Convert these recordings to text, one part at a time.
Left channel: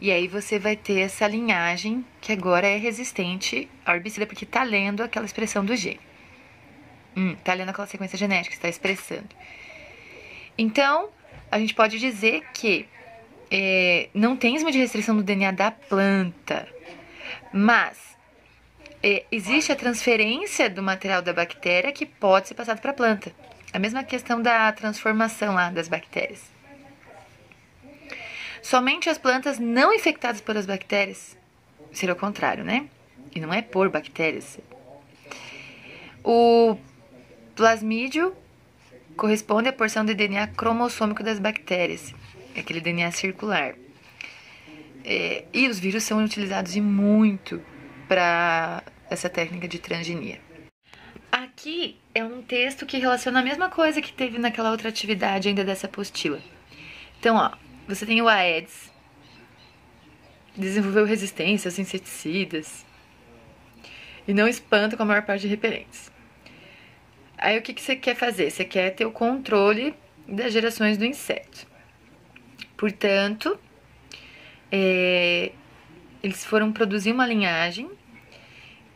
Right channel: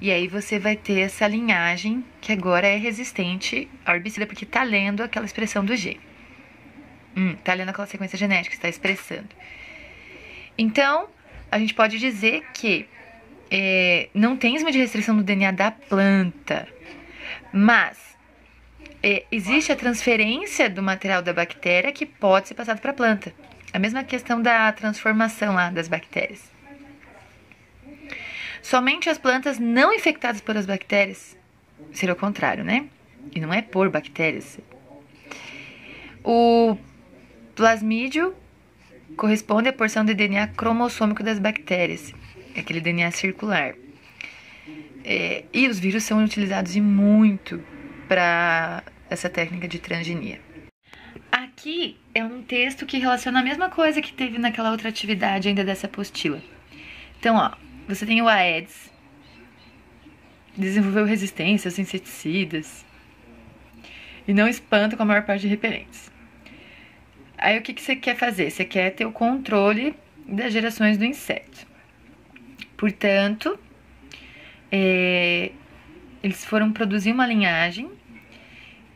E aí você vai ter essa linhagem que agora é resistente ao herbicida, porque tá lendo aquela expressão do gene. Tá lendo aquela sequência genética, está expressando. Então, a gente pode dizer que não tem enzima de restrição do DNA da planta, mas existe a transferência do material da bactéria que pode ser passado para a planta. A mesma questão da transformação lá das bactérias. Somente as plantas não infectadas por as bactérias, seria o contrário, né? E não é por bactérias. O plasmídio corresponde à porção de DNA cromossômico das bactérias, aquele DNA circular. E os vírus são utilizados e muito para essa técnica de transgenia. Aqui é um texto que relaciona a mesma coisa que teve naquela outra atividade ainda dessa apostila. Então, ó, você tem o Aedes, desenvolveu resistência aos inseticidas e não espanta com a maior parte de repelentes. Aí o que você quer fazer? Você quer ter o controle das gerações do inseto. Portanto, eles foram produzir uma linhagem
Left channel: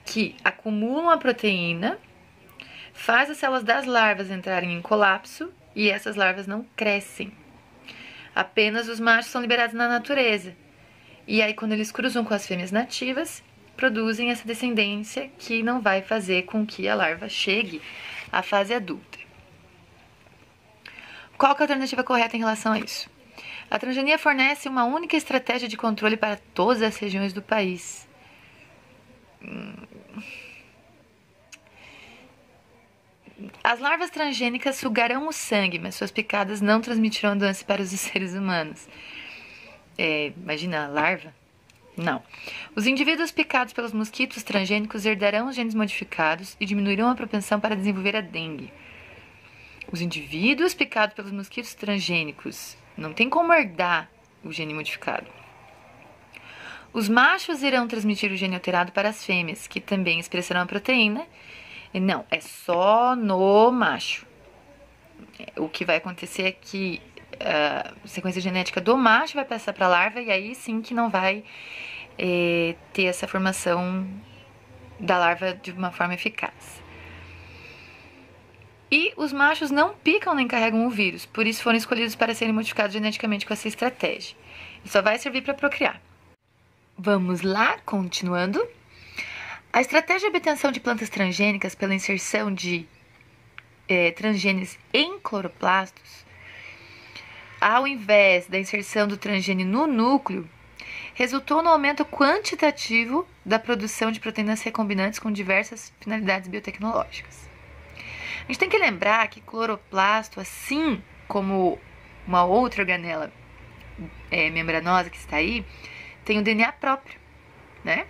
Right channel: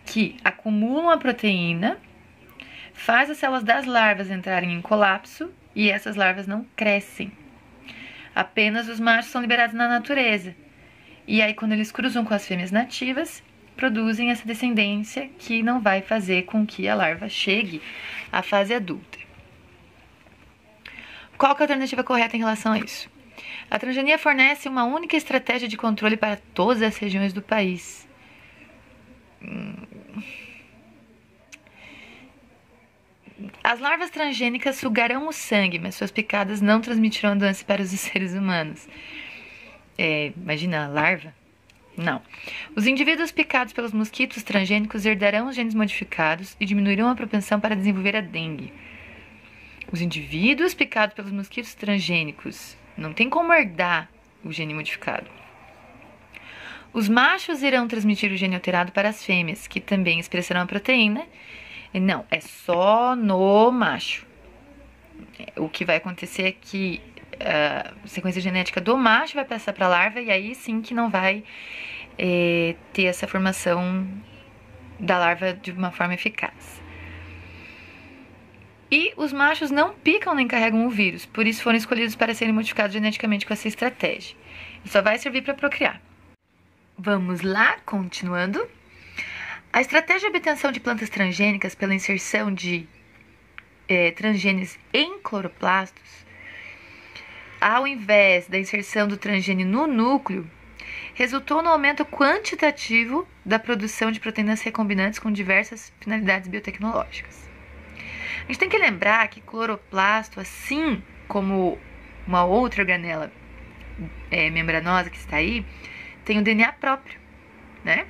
que acumulam a proteína, faz as células das larvas entrarem em colapso e essas larvas não crescem. Apenas os machos são liberados na natureza. E aí, quando eles cruzam com as fêmeas nativas, produzem essa descendência que não vai fazer com que a larva chegue à fase adulta. Qual que é a alternativa correta em relação a isso? A transgenia fornece uma única estratégia de controle para todas as regiões do país. As larvas transgênicas sugarão o sangue, mas suas picadas não transmitirão a doença para os seres humanos. Imagina a larva? Não. Os indivíduos picados pelos mosquitos transgênicos herdarão os genes modificados e diminuirão a propensão para desenvolver a dengue. Os indivíduos picados pelos mosquitos transgênicos não tem como herdar o gene modificado. Os machos irão transmitir o gene alterado para as fêmeas, que também expressarão a proteína. Não, é só no macho. O que vai acontecer é que a sequência genética do macho vai passar para a larva e aí sim que não vai ter essa formação da larva de uma forma eficaz. E os machos não picam nem carregam o vírus, por isso foram escolhidos para serem modificados geneticamente com essa estratégia. E só vai servir para procriar. Vamos lá, continuando. A estratégia de obtenção de plantas transgênicas pela inserção de transgenes em cloroplastos, ao invés da inserção do transgene no núcleo, resultou no aumento quantitativo da produção de proteínas recombinantes com diversas finalidades biotecnológicas. A gente tem que lembrar que cloroplasto, assim como uma outra organela membranosa que está aí, tem o DNA próprio, né?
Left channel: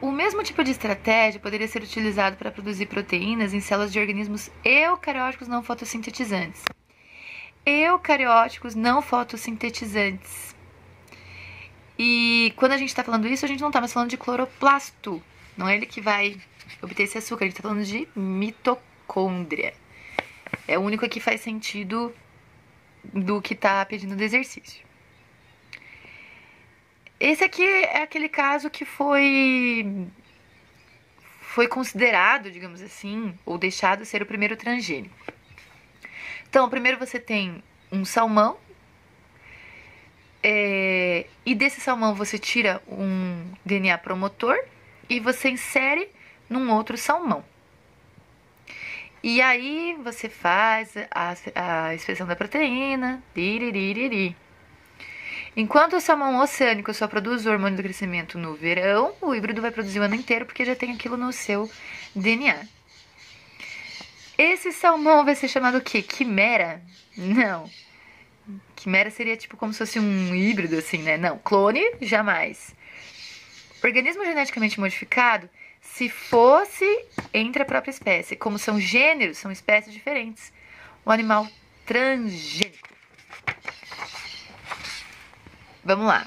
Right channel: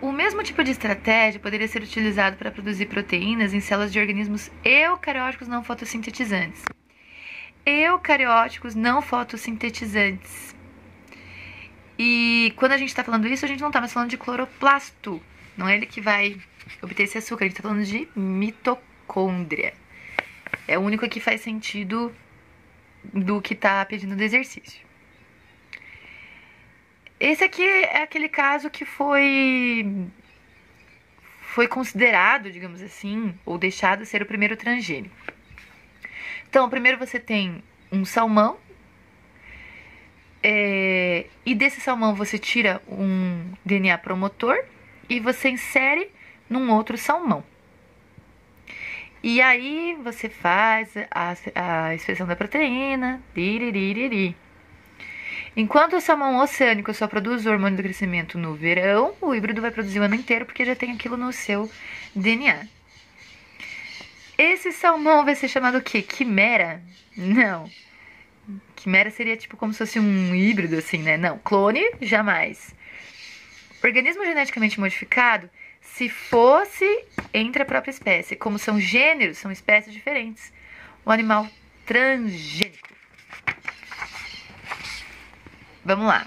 O mesmo tipo de estratégia poderia ser utilizado para produzir proteínas em células de organismos eucarióticos não fotossintetizantes. Eucarióticos não fotossintetizantes. E quando a gente está falando isso, a gente não está mais falando de cloroplasto. Não é ele que vai obter esse açúcar, a gente está falando de mitocôndria. É o único que faz sentido do que está pedindo do exercício. Esse aqui é aquele caso que foi considerado, digamos assim, ou deixado ser o primeiro transgênico. Então, primeiro você tem um salmão, e desse salmão você tira um DNA promotor e você insere num outro salmão. E aí você faz a expressão da proteína, liriririri. Enquanto o salmão oceânico só produz o hormônio do crescimento no verão, o híbrido vai produzir o ano inteiro porque já tem aquilo no seu DNA. Esse salmão vai ser chamado o quê? Quimera? Não. Quimera seria tipo como se fosse um híbrido, assim, né? Não. Clone, jamais. Organismo geneticamente modificado, se fosse entre a própria espécie. Como são gêneros, são espécies diferentes. O animal transgênico. Vamos lá.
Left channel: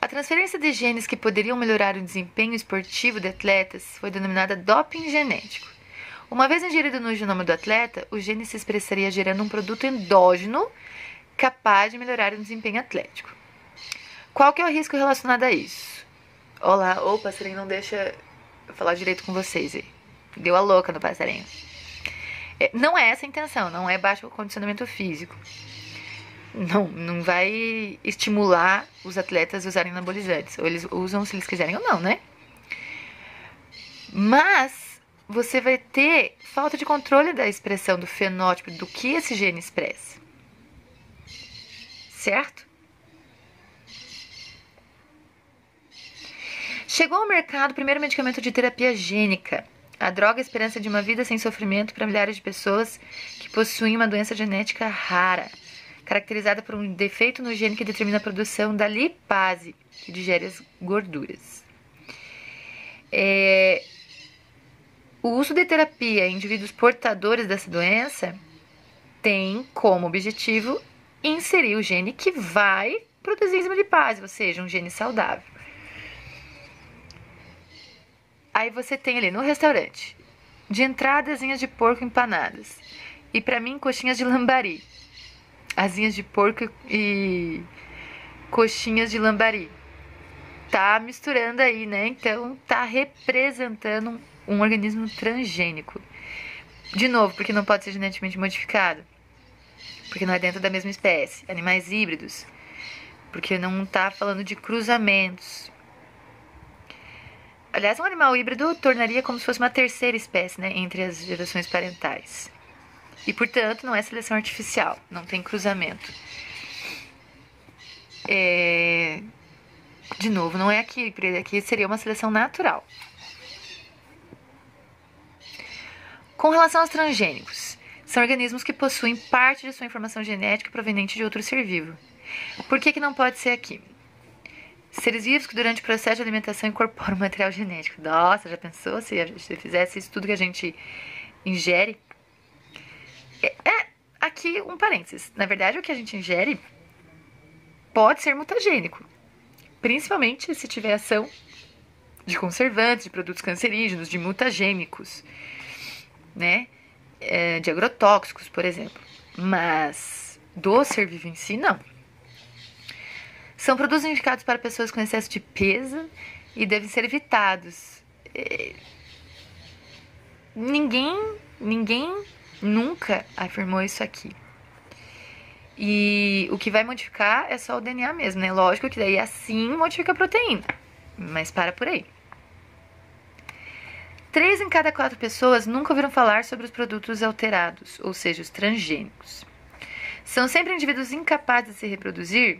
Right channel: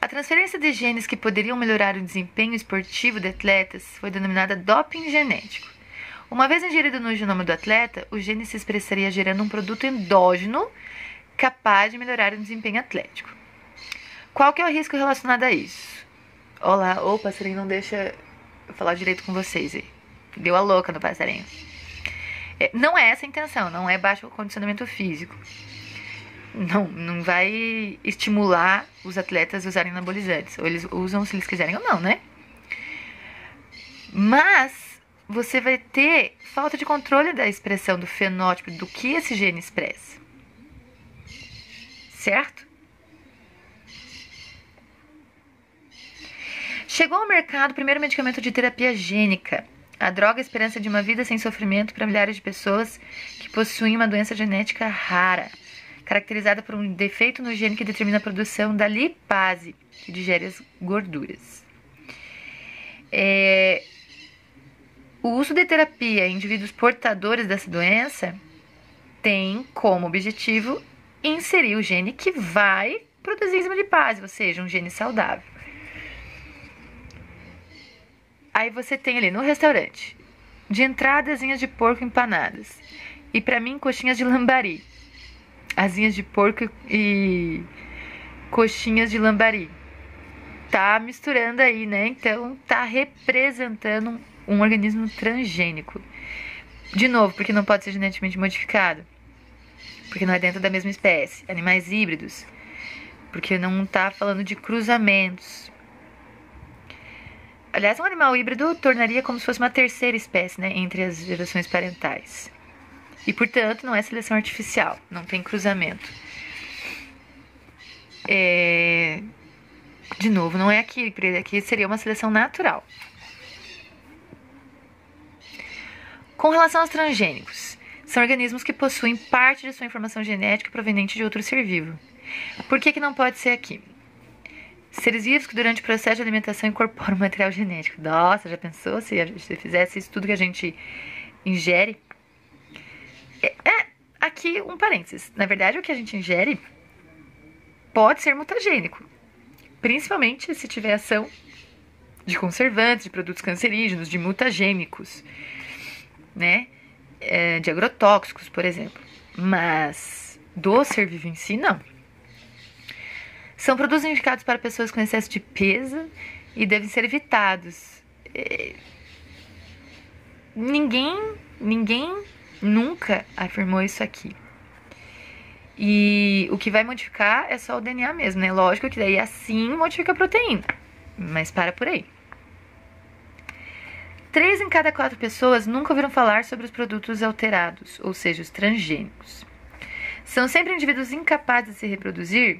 A transferência de genes que poderiam melhorar o desempenho esportivo de atletas foi denominada doping genético. Uma vez ingerido no genoma do atleta, o gene se expressaria gerando um produto endógeno capaz de melhorar o desempenho atlético. Qual que é o risco relacionado a isso? Olá, ô passarinho, não deixa eu falar direito com vocês aí. Deu a louca no passarinho. Não é essa a intenção, não é baixo condicionamento físico. Não vai estimular os atletas a usarem anabolizantes. Ou eles usam se eles quiserem ou não, né? Mas você vai ter falta de controle da expressão do fenótipo do que esse gene expressa. Certo? Chegou ao mercado o primeiro medicamento de terapia gênica. A droga esperança de uma vida sem sofrimento para milhares de pessoas que possuem uma doença genética rara, caracterizada por um defeito no gene que determina a produção da lipase, que digere as gorduras. O uso de terapia em indivíduos portadores dessa doença tem como objetivo inserir o gene que vai produzir enzima lipase, ou seja, um gene saudável. Aí você tem ali no restaurante, de entrada, asinhas de porco empanadas. E pra mim, coxinhas de lambari. Asinhas de porco e coxinhas de lambari. Tá misturando aí, né? Então, tá representando um organismo transgênico. De novo, porque não pode ser geneticamente modificado. Porque não é dentro da mesma espécie. Animais híbridos. Porque não tá falando de cruzamentos. Aliás, um animal híbrido tornaria como se fosse uma terceira espécie, né, entre as gerações parentais. E, portanto, não é seleção artificial, não tem cruzamento. De novo, não é aqui, porque aqui seria uma seleção natural. Com relação aos transgênicos, são organismos que possuem parte de sua informação genética proveniente de outro ser vivo. Por que não pode ser aqui? Seres vivos que durante o processo de alimentação incorporam material genético. Nossa, já pensou se a gente fizesse isso tudo que a gente ingere? Aqui um parênteses. Na verdade, o que a gente ingere pode ser mutagênico. Principalmente se tiver ação de conservantes, de produtos cancerígenos, de mutagênicos, né? De agrotóxicos, por exemplo. Mas do ser vivo em si, não. São produtos indicados para pessoas com excesso de peso e devem ser evitados. Ninguém nunca afirmou isso aqui. E o que vai modificar é só o DNA mesmo, né? Lógico que daí assim modifica a proteína, mas para por aí. 3 em cada 4 pessoas nunca ouviram falar sobre os produtos alterados, ou seja, os transgênicos. São sempre indivíduos incapazes de se reproduzir.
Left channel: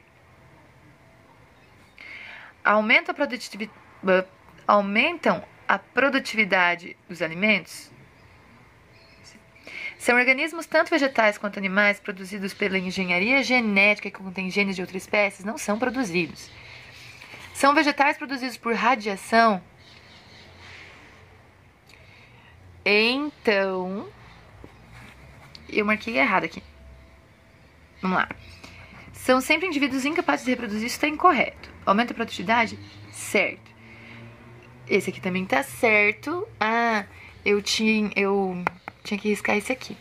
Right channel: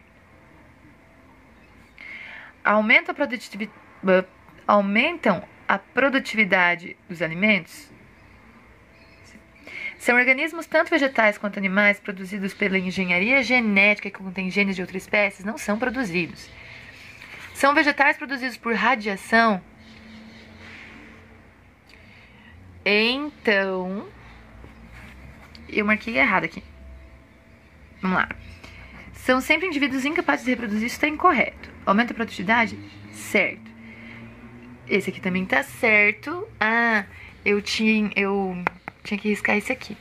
Aumentam a produtividade dos alimentos? São organismos, tanto vegetais quanto animais, produzidos pela engenharia genética que contém genes de outras espécies, não são produzidos. São vegetais produzidos por radiação? Então, eu marquei errado aqui. Vamos lá. São sempre indivíduos incapazes de reproduzir, isso está incorreto. Aumenta a produtividade? Certo. Esse aqui também tá certo. Eu tinha que riscar esse aqui.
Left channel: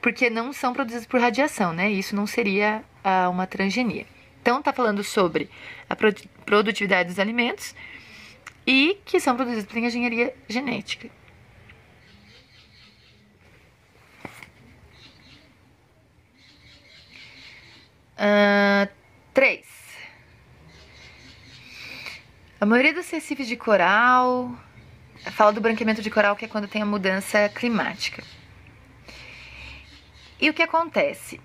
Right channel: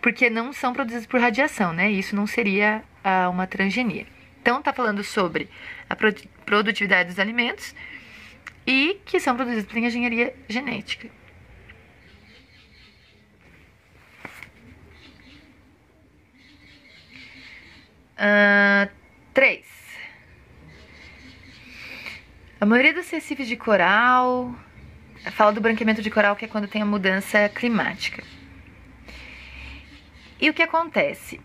Porque não são produzidos por radiação, né? Isso não seria uma transgenia. Então, tá falando sobre a produtividade dos alimentos e que são produzidos por engenharia genética. 3. A maioria dos recifes de coral fala do branqueamento de coral, que é quando tem a mudança climática. E o que acontece?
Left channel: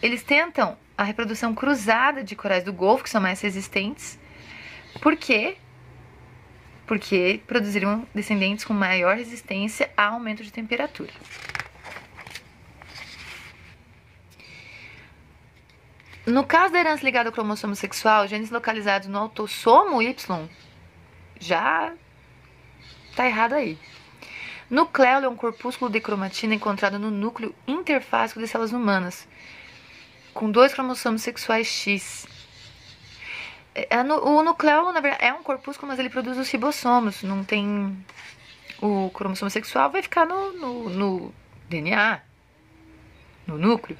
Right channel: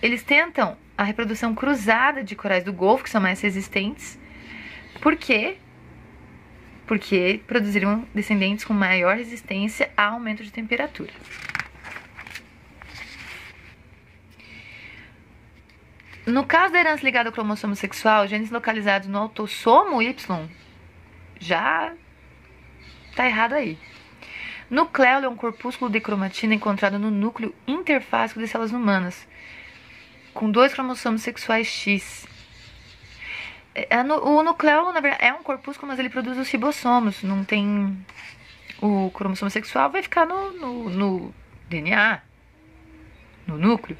Eles tentam a reprodução cruzada de corais do Golfo, que são mais resistentes. Por quê? Porque produziriam descendentes com maior resistência a aumento de temperatura. No caso da herança ligada ao cromossomo sexual, genes localizados no autossomo Y já tá errado aí. Nucleolo é um corpúsculo de cromatina encontrado no núcleo interfásico de células humanas, com 2 cromossomos sexuais X. O nucleolo, na verdade, é um corpúsculo, mas ele produz os ribossomos, não tem... O cromossomo sexual vai ficar no DNA. no núcleo,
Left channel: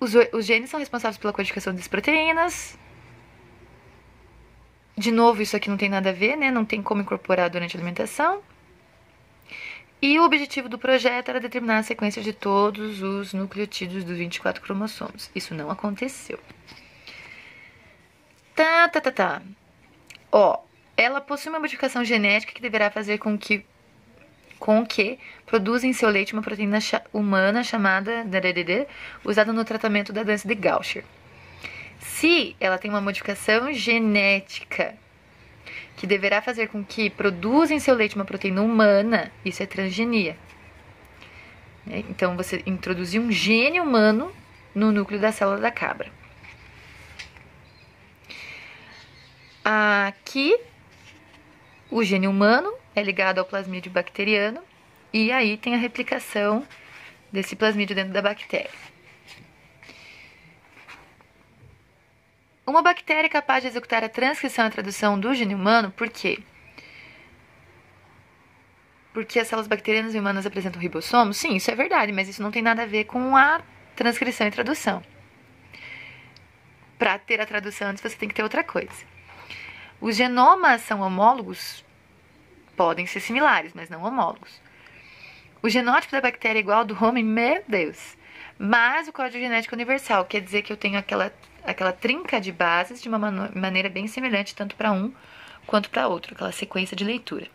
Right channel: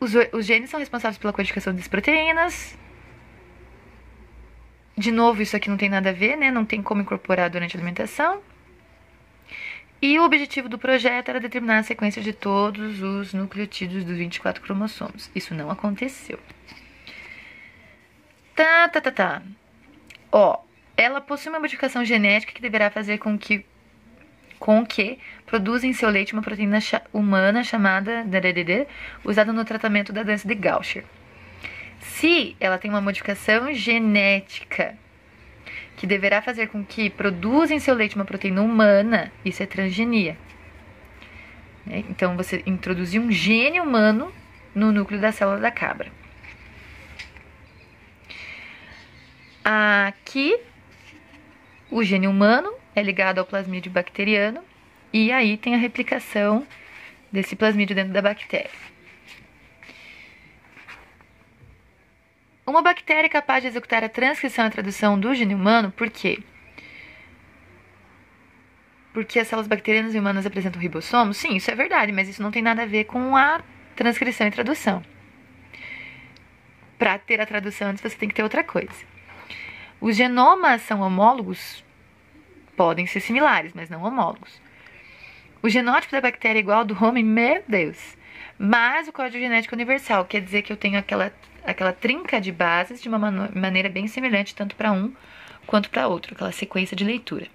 os genes são responsáveis pela codificação das proteínas. De novo, isso aqui não tem nada a ver, né? Não tem como incorporar durante a alimentação. E o objetivo do projeto era determinar a sequência de todos os nucleotídeos dos 24 cromossomos. Isso não aconteceu. Ó, ela possui uma modificação genética que deverá fazer com que produza em seu leite uma proteína humana chamada usada no tratamento da doença de Gaucher. Se ela tem uma modificação genética que deverá fazer com que produza em seu leite uma proteína humana, isso é transgenia. Então, você introduziu um gene humano no núcleo da célula da cabra. Aqui, o gene humano é ligado ao plasmídio bacteriano e aí tem a replicação desse plasmídio dentro da bactéria. Uma bactéria é capaz de executar a transcrição e a tradução do gene humano, por quê? Porque as células bacterianas e humanas apresentam ribossomos? Sim, isso é verdade, mas isso não tem nada a ver com a transcrição e tradução. Para ter a tradução antes, você tem que ter outra coisa. Os genomas são homólogos? Podem ser similares, mas não homólogos. O genótipo da bactéria é igual ao do homem? Meu Deus! Mas o código genético é universal, quer dizer que eu tenho aquela trinca de bases de uma maneira bem semelhante, tanto para um quanto para outro, aquela sequência de leitura.